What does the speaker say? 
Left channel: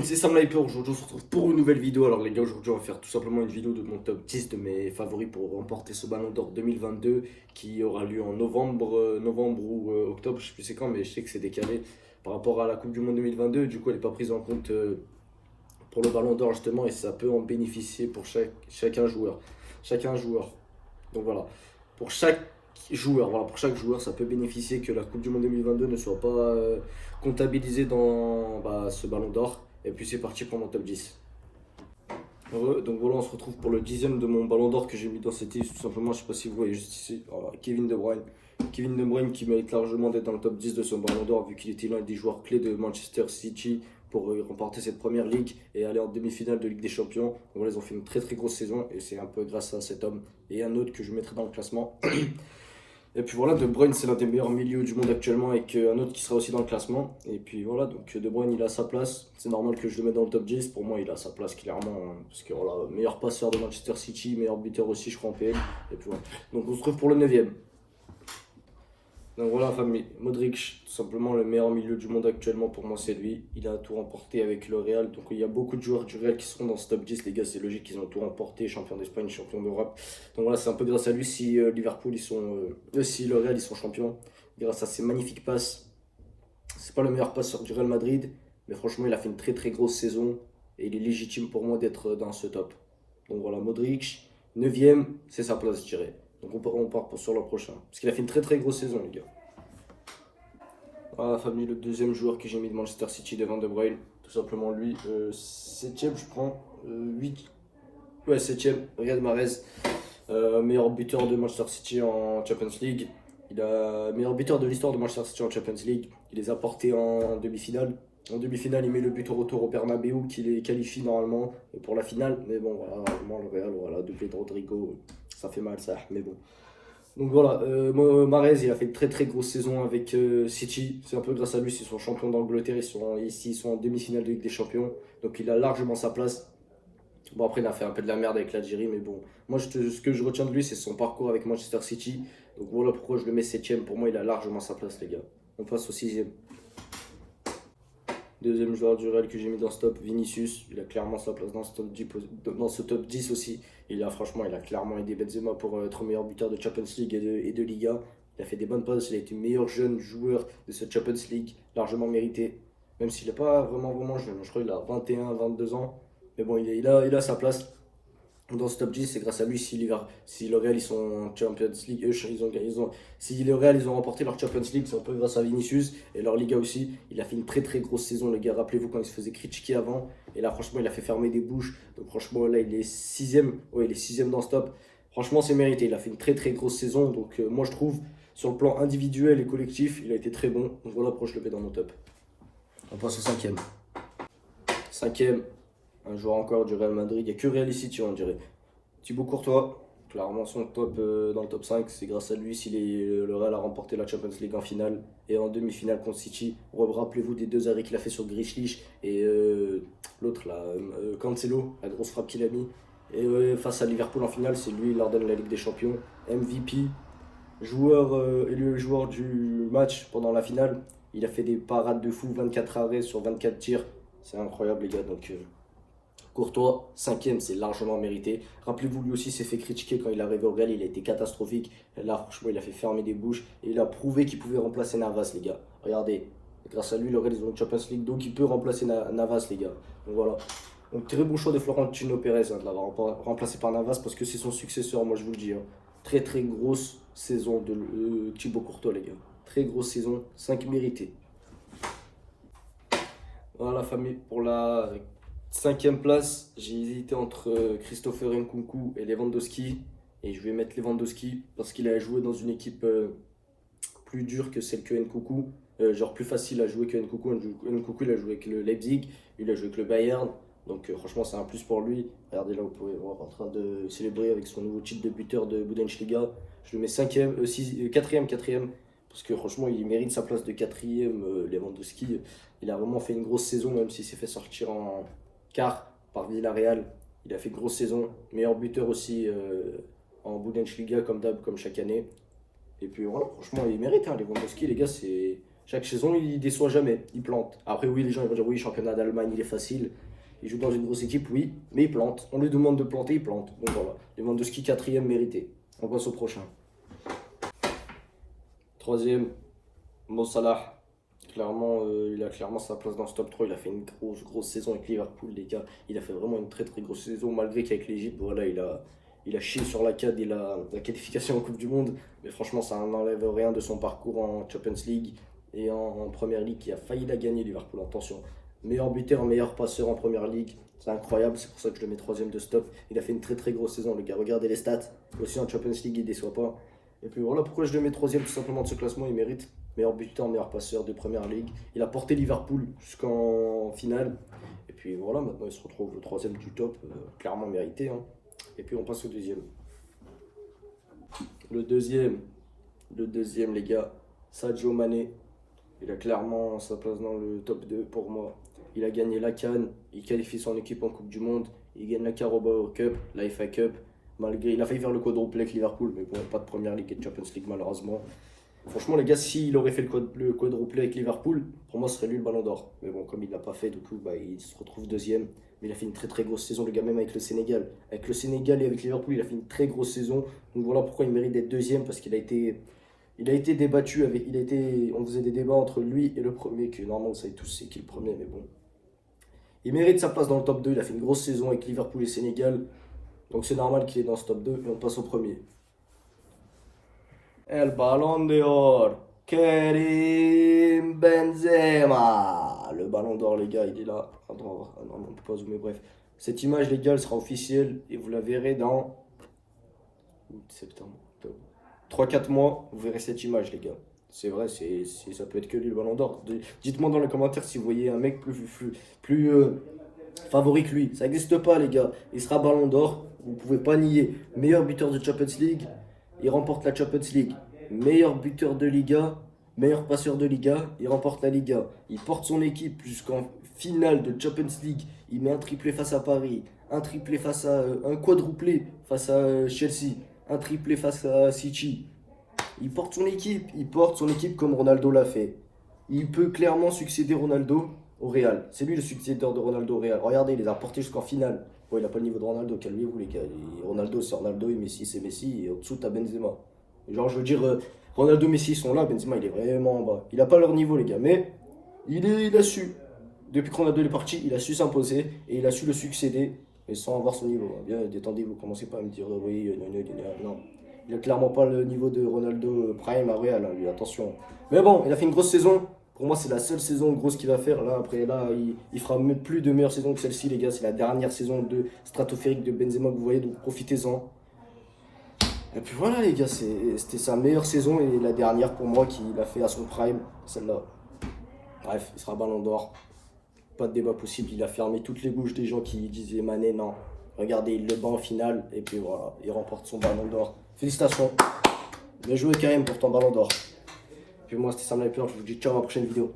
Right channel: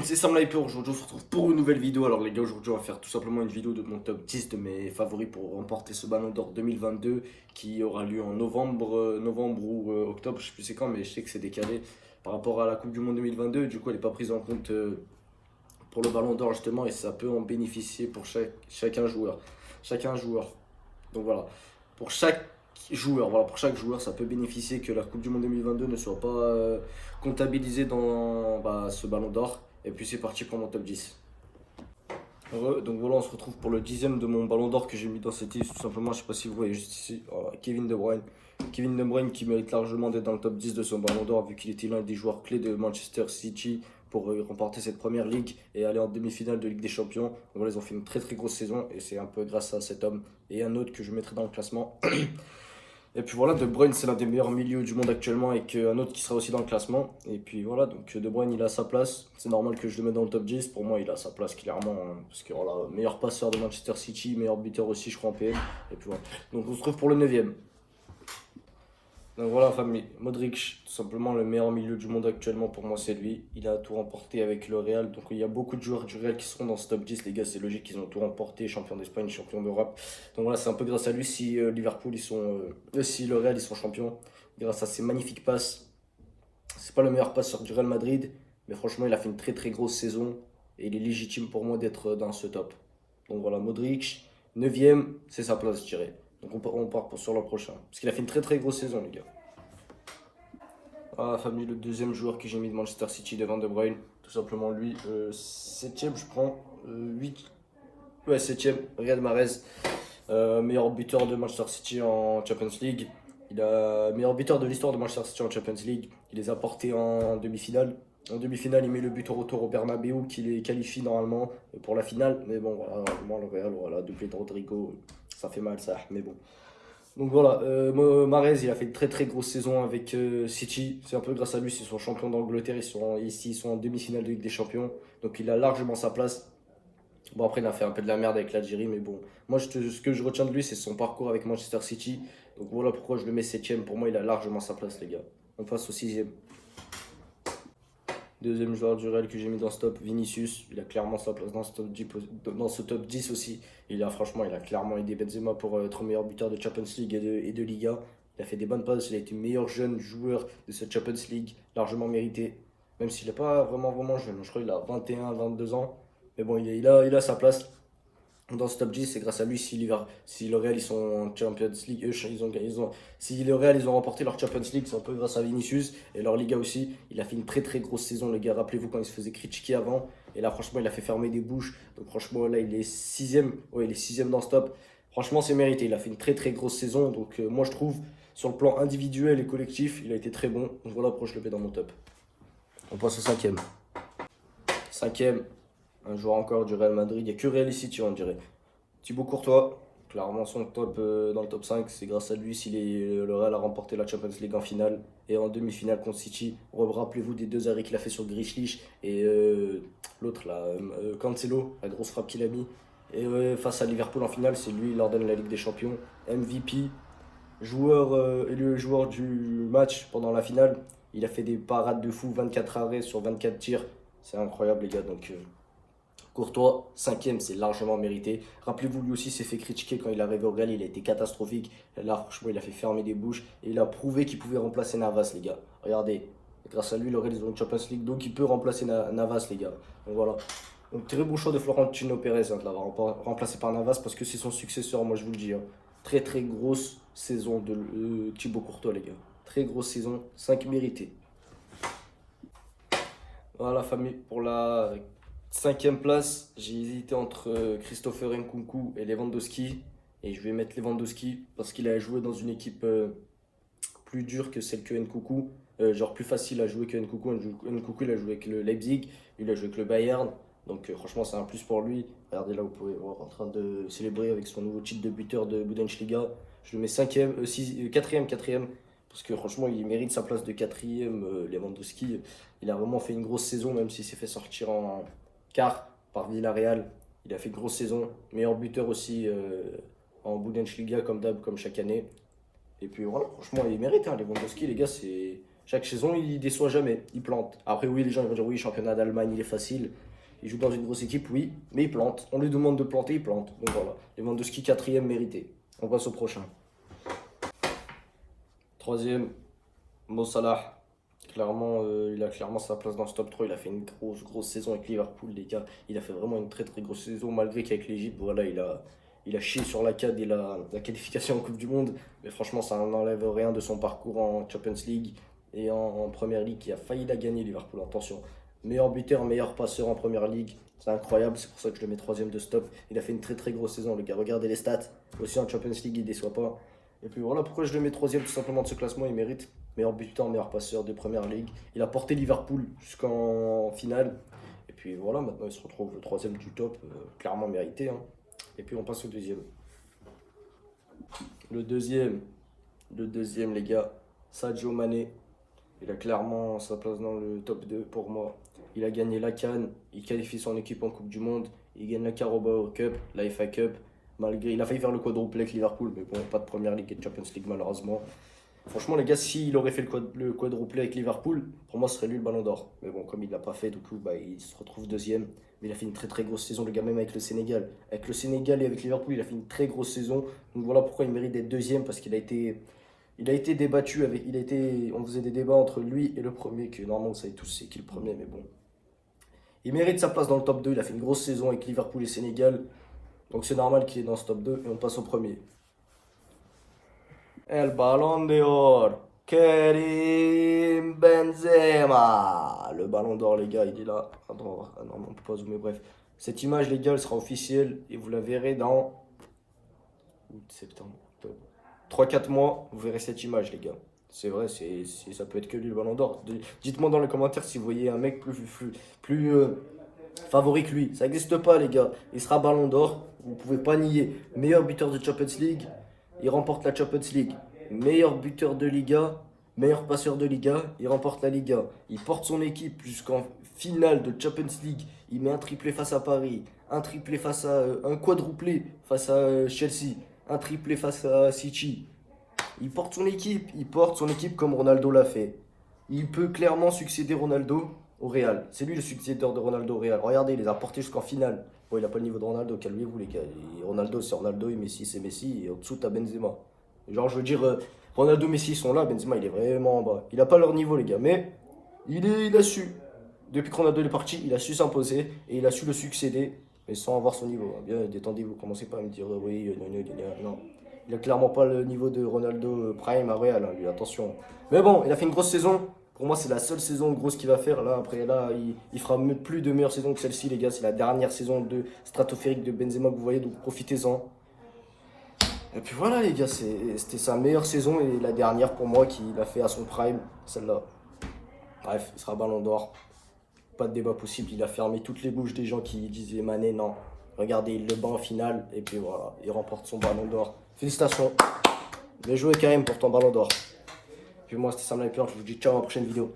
Donc c'est Sam Hyper, aujourd'hui on se retrouve pour une nouvelle vidéo. Alors les gars, aujourd'hui on va faire tout simplement une vidéo de mon top 10 de mes favoris pour remporter ce Ballon d'Or 2022 qui aura lieu en novembre ou octobre, je sais plus c'est quand, mais je sais que c'est décalé par rapport à la Coupe du Monde 2022. Du coup elle n'est pas prise en compte pour le Ballon d'Or justement, et ça peut en bénéficier pour chacun joueur. Chacun joueur. Donc voilà, pour chaque joueur, ça peut bénéficier que la Coupe du Monde 2022 ne soit pas comptabilisée dans ce Ballon d'Or. Et puis c'est parti pour mon top 10. Donc voilà, on se retrouve pour le 10e de mon Ballon d'Or que j'ai mis dans cette liste. Tout simplement, je ne sais pas si vous voyez juste ici, Kevin De Bruyne. Kevin De Bruyne qui mérite largement d'être dans le top 10 de son Ballon d'Or, vu qu'il était l'un des joueurs clés de Manchester City pour remporter cette première ligue et aller en demi-finale de Ligue des Champions. Donc voilà, ils ont fait une très grosse saison et c'est un peu grâce à cet homme et un autre que je mettrai dans le classement. Et puis voilà, De Bruyne c'est l'un des meilleurs milieux du monde actuellement, et un autre qui sera aussi dans le classement. Et puis voilà, donc De Bruyne il a sa place, c'est normal que je le mette dans le top 10. Pour moi il a sa place clairement, parce que voilà, meilleur passeur de Manchester City, meilleur buteur aussi je crois en PL. Et puis voilà. Donc on se retrouve pour le 9e. Donc voilà famille, Modric, tout simplement le meilleur milieu du monde actuellement, pour moi c'est lui. Il a tout remporté avec le Real, donc il y a beaucoup de joueurs du Real qui seront dans ce top 10 les gars, c'est logique, ils ont tout remporté, champion d'Espagne, champion d'Europe. Donc voilà, c'est un peu grâce à lui si Liverpool si le Real ils sont champions, grâce à ses magnifiques passes. C'est pas le meilleur passeur du Real Madrid, mais franchement il a fait une très grosse saison et il est légitime pour moi d'être dans ce top. Donc voilà, Modric, 9e, c'est sa place je dirais. Donc on part sur le prochain. Parce qu'il a fait une très grosse saison les gars. Voilà la famille, le deuxième joueur que j'ai mis de Manchester City devant De Bruyne. Tout simplement lui. 7e je prends. 8. Ouais 7e. Riyad Mahrez. Meilleur buteur de Manchester City en Champions League. Il a meilleur buteur de l'histoire de Manchester City en Champions League. Il les a portés en demi-finale. En demi-finale, il met le but au retour au Bernabeu qui les qualifie normalement pour la finale. Mais bon, voilà, le Real, voilà, doublé de Rodrigo. Ça fait mal ça, mais bon. Donc voilà, Mahrez, il a fait une très grosse saison avec City. C'est un peu grâce à lui, c'est son champion d'Angleterre. Ils sont en demi-finale de Ligue des Champions. Donc il a largement sa place. Bon, après, il a fait un peu de la merde avec l'Algérie, mais bon. Moi, ce que je retiens de lui, c'est son parcours avec Manchester City. Donc voilà pourquoi je le mets 7e. Pour moi, il a largement sa place, les gars. On passe au 6e. Deuxième joueur du Real que j'ai mis dans ce top, Vinicius. Il a clairement sa place dans ce top 10 aussi. Franchement, il a clairement aidé Benzema pour être meilleur buteur de Champions League et de Liga. Il a fait des bonnes passes. Il a été meilleur jeune joueur de cette Champions League, largement mérité. Même s'il n'est pas vraiment jeune. Je crois qu'il a 21, 22 ans. Mais bon, il a sa place dans ce top 10, c'est grâce à lui si le Real ils sont en Champions League, si le Real ils ont remporté leur Champions League, c'est un peu grâce à Vinicius, et leur Liga aussi. Il a fait une très grosse saison, le gars. Rappelez-vous quand il se faisait critiquer avant, et là franchement il a fait fermer des bouches. Donc franchement là il est 6e, ouais il est 6e dans ce top. Franchement c'est mérité, il a fait une très grosse saison. Donc moi je trouve sur le plan individuel et collectif il a été très bon. Donc voilà pourquoi je le mets dans mon top. On passe au 5e. 5e. Un joueur encore du Real Madrid, il n'y a que Real et City on dirait. Thibaut Courtois, clairement son top dans le top 5, c'est grâce à lui si le Real a remporté la Champions League en finale et en demi-finale contre City. Rappelez-vous des deux arrêts qu'il a fait sur Grealish et l'autre là, Cancelo, la grosse frappe qu'il a mis. Et face à Liverpool en finale, c'est lui, il leur donne la Ligue des Champions. MVP, élu joueur du match pendant la finale. Il a fait des parades de fou, 24 arrêts sur 24 tirs. C'est incroyable les gars, donc Courtois, 5e, c'est largement mérité. Rappelez-vous, lui aussi s'est fait critiquer quand il est arrivé au Real, il a été catastrophique. Là, franchement, il a fait fermer des bouches et il a prouvé qu'il pouvait remplacer Navas, les gars. Regardez, grâce à lui, le Real, ils ont une Champions League, donc il peut remplacer Navas, les gars. Donc voilà. Donc très bon choix de Florentino Pérez de l'avoir remplacé par Navas, parce que c'est son successeur, moi je vous le dis. Très grosse saison de Thibaut Courtois, les gars. Très grosse saison, 5 mérités. Voilà, famille, pour la 5e place, j'ai hésité entre Christopher Nkunku et Lewandowski. Et je vais mettre Lewandowski parce qu'il a joué dans une équipe plus dure que celle que Nkunku. Genre plus facile à jouer que Nkunku. Nkunku il a joué avec le Leipzig, il a joué avec le Bayern. Donc franchement c'est un plus pour lui. Regardez là, vous pouvez voir en train de célébrer avec son nouveau titre de buteur de Bundesliga. Je le mets 4e. Parce que franchement il mérite sa place de 4e. Lewandowski, il a vraiment fait une grosse saison, même s'il s'est fait sortir en quart par Villarreal. Il a fait une grosse saison, meilleur buteur aussi en Bundesliga comme d'hab, comme chaque année. Et puis voilà, franchement il mérite Lewandowski les gars, je Chaque saison, il déçoit jamais, il plante. Après, oui, les gens ils vont dire oui, championnat d'Allemagne, il est facile. Il joue dans une grosse équipe, oui, mais il plante. On lui demande de planter, il plante. Donc voilà, Lewandowski quatrième mérité. On passe au prochain. Troisième, Mo Salah. Clairement, il a clairement sa place dans ce top 3. Il a fait une grosse saison avec Liverpool, les gars. Il a fait vraiment une très grosse saison, malgré qu'avec l'Égypte, voilà, il a chié sur la CAD et la qualification en Coupe du Monde. Mais franchement, ça n'enlève rien de son parcours en Champions League et en Premier League, qui a failli la gagner, Liverpool. Attention, meilleur buteur, meilleur passeur en Première Ligue. C'est incroyable, c'est pour ça que je le mets troisième de stop. Il a fait une très grosse saison, le gars. Regardez les stats. Aussi en Champions League, il ne déçoit pas. Et puis voilà pourquoi je le mets troisième tout simplement de ce classement, il mérite. Meilleur buteur, meilleur passeur de Première Ligue. Il a porté Liverpool jusqu'en finale. Et puis voilà, maintenant il se retrouve le troisième du top, clairement mérité. Hein. Et puis on passe au deuxième. Le deuxième les gars, Sadio Mané. Il a clairement sa place dans le top 2 pour moi. Il a gagné la CAN, il qualifie son équipe en Coupe du Monde, il gagne la Carabao Cup, la FA Cup. Malgré, il a failli faire le quadruplé avec Liverpool, mais bon, pas de Première Ligue et de Champions League malheureusement. Franchement, les gars, s'il aurait fait le quadruplé avec Liverpool, pour moi, ce serait lui le ballon d'or. Mais bon, comme il ne l'a pas fait, du coup, bah, il se retrouve deuxième. Mais il a fait une très grosse saison, le gars, même avec le Sénégal. Avec le Sénégal et avec Liverpool, il a fait une très grosse saison. Donc voilà pourquoi il mérite d'être deuxième, parce qu'il a été débattu. On faisait des débats entre lui et le premier, que normalement, vous savez tous c'est qui le premier, mais bon. Il mérite sa place dans le top 2. Il a fait une grosse saison avec Liverpool et Sénégal. Donc c'est normal qu'il est dans ce top 2. Et on passe au premier. El Ballon d'Or, Karim Benzema. Le Ballon d'Or, les gars, il est là. Non, on peut pas zoomer, bref. Cette image, les gars, elle sera officielle et vous la verrez dans septembre, octobre. 3-4 mois, vous verrez cette image, les gars. C'est vrai, ça peut être que lui, le Ballon d'Or. Dites-moi dans les commentaires si vous voyez un mec plus favori que lui. Ça n'existe pas, les gars. Il sera Ballon d'Or, vous ne pouvez pas nier. Meilleur buteur de Champions League. Il remporte la Champions League. Meilleur buteur de Liga, meilleur passeur de Liga, il remporte la Liga. Il porte son équipe jusqu'en finale de Champions League. Il met un triplé face à Paris, un triplé face à un quadruplé face à Chelsea, un triplé face à City. Il porte son équipe comme Ronaldo l'a fait. Il peut clairement succéder Ronaldo au Real. C'est lui le successeur de Ronaldo au Real. Regardez, il les a portés jusqu'en finale. Bon, il n'a pas le niveau de Ronaldo, calmez-vous les gars. Ronaldo c'est Ronaldo et Messi c'est Messi et au-dessous t'as Benzema. Genre je veux dire, Ronaldo et Messi sont là, Benzema il est vraiment en bas. Il n'a pas leur niveau les gars, mais il a su. Depuis que Ronaldo est parti, il a su s'imposer et il a su le succéder, mais sans avoir son niveau. Bien, détendez-vous, commencez pas à me dire oui, non. Il a clairement pas le niveau de Ronaldo Prime à Real, hein, lui, attention. Mais bon, il a fait une grosse saison. Pour moi, c'est la seule saison grosse qu'il va faire. Là, après, il fera plus de meilleures saisons que celle-ci, les gars. C'est la dernière saison de stratosphérique de Benzema que vous voyez, donc profitez-en. Et puis voilà, les gars, c'était sa meilleure saison et la dernière pour moi qu'il a fait à son prime, celle-là. Bref, il sera Ballon d'Or. Pas de débat possible. Il a fermé toutes les bouches des gens qui disaient Mané, non. Regardez, il le bat en finale et puis voilà, il remporte son Ballon d'Or. Félicitations. Bien joué, Karim, pour ton Ballon d'Or. Puis moi, c'était Sam Sniper. Je vous dis ciao à la prochaine vidéo.